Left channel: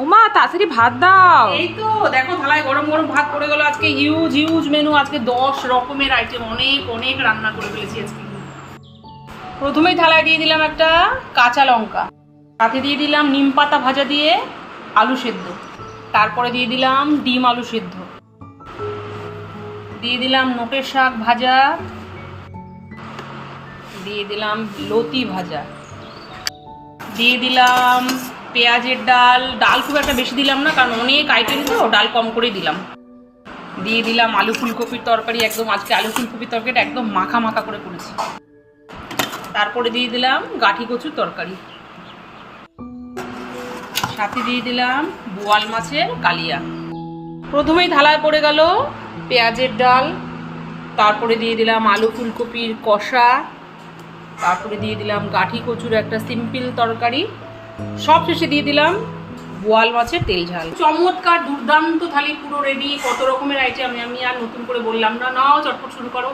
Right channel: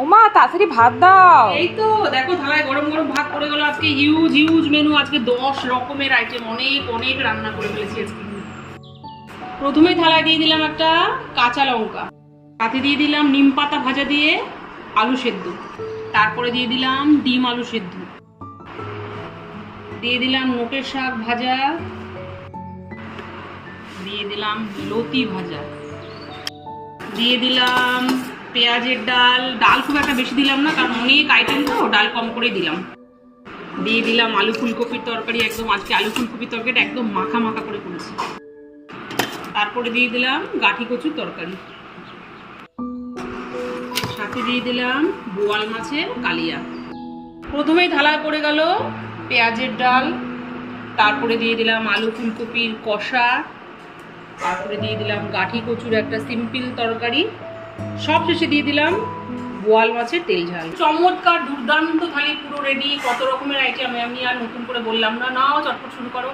ওমা তাড়াতাড়ি ভাত দাও। এই তো দেখো থালায় গরম গরম ভাত পড়ে গেল। আজকে হিউজ হিউজ মেনু, আজকে 10 রকমের আইটেম, অনেক অনেক রান্না করে ফেলেছি আজকে। প্রথমেই থালায় দিয়ে দিলাম একটা কাঁচা লঙ্কা, সাথে দিয়ে দিলাম নিম পাতা ভাজা দিয়ে আলু সেদ্ধ, তারপরে দিয়ে দিলাম ডিম আলু সেদ্ধ, দিয়ে দিলাম নোটের শাক ভাজা, দিয়ে দিলাম লতি ভাজা, দিয়ে দিলাম পেঁয়াজের ডাল। ডাল খুব একটা বেশি দিলাম না, কারণ অনেক আইটেম তো, ডাল কম করে দিলাম। দিয়ে দিলাম আলু ফুলকপির তরকারি, একদম আজকে আলু ফুলকপির তরকারিটা একদম মাখা মাখা করে করেছি। তারপরে দিয়ে দিলাম গাঠি কচুর তরকারি, সাথে দিয়ে দিলাম বোয়াল মাছের কালিয়া। প্রথমেই থালায় পড়ে গেল পেঁয়াজের ডাল, তারপরে দিয়ে দিলাম আলু ফুলকপির কষা, তারপরে দিয়ে দিলাম গাঠি কচুর একটা সিম্পল তরকারি, সব শেষে দিয়ে দিলাম বোয়াল মাছের তেল ঝাল। চমৎকার দুর্দান্ত থালি পুরো রেডি। কত রকমের আইটেম আমি আর নতুন করে বললাম না, নাও চটপট শুরু করো।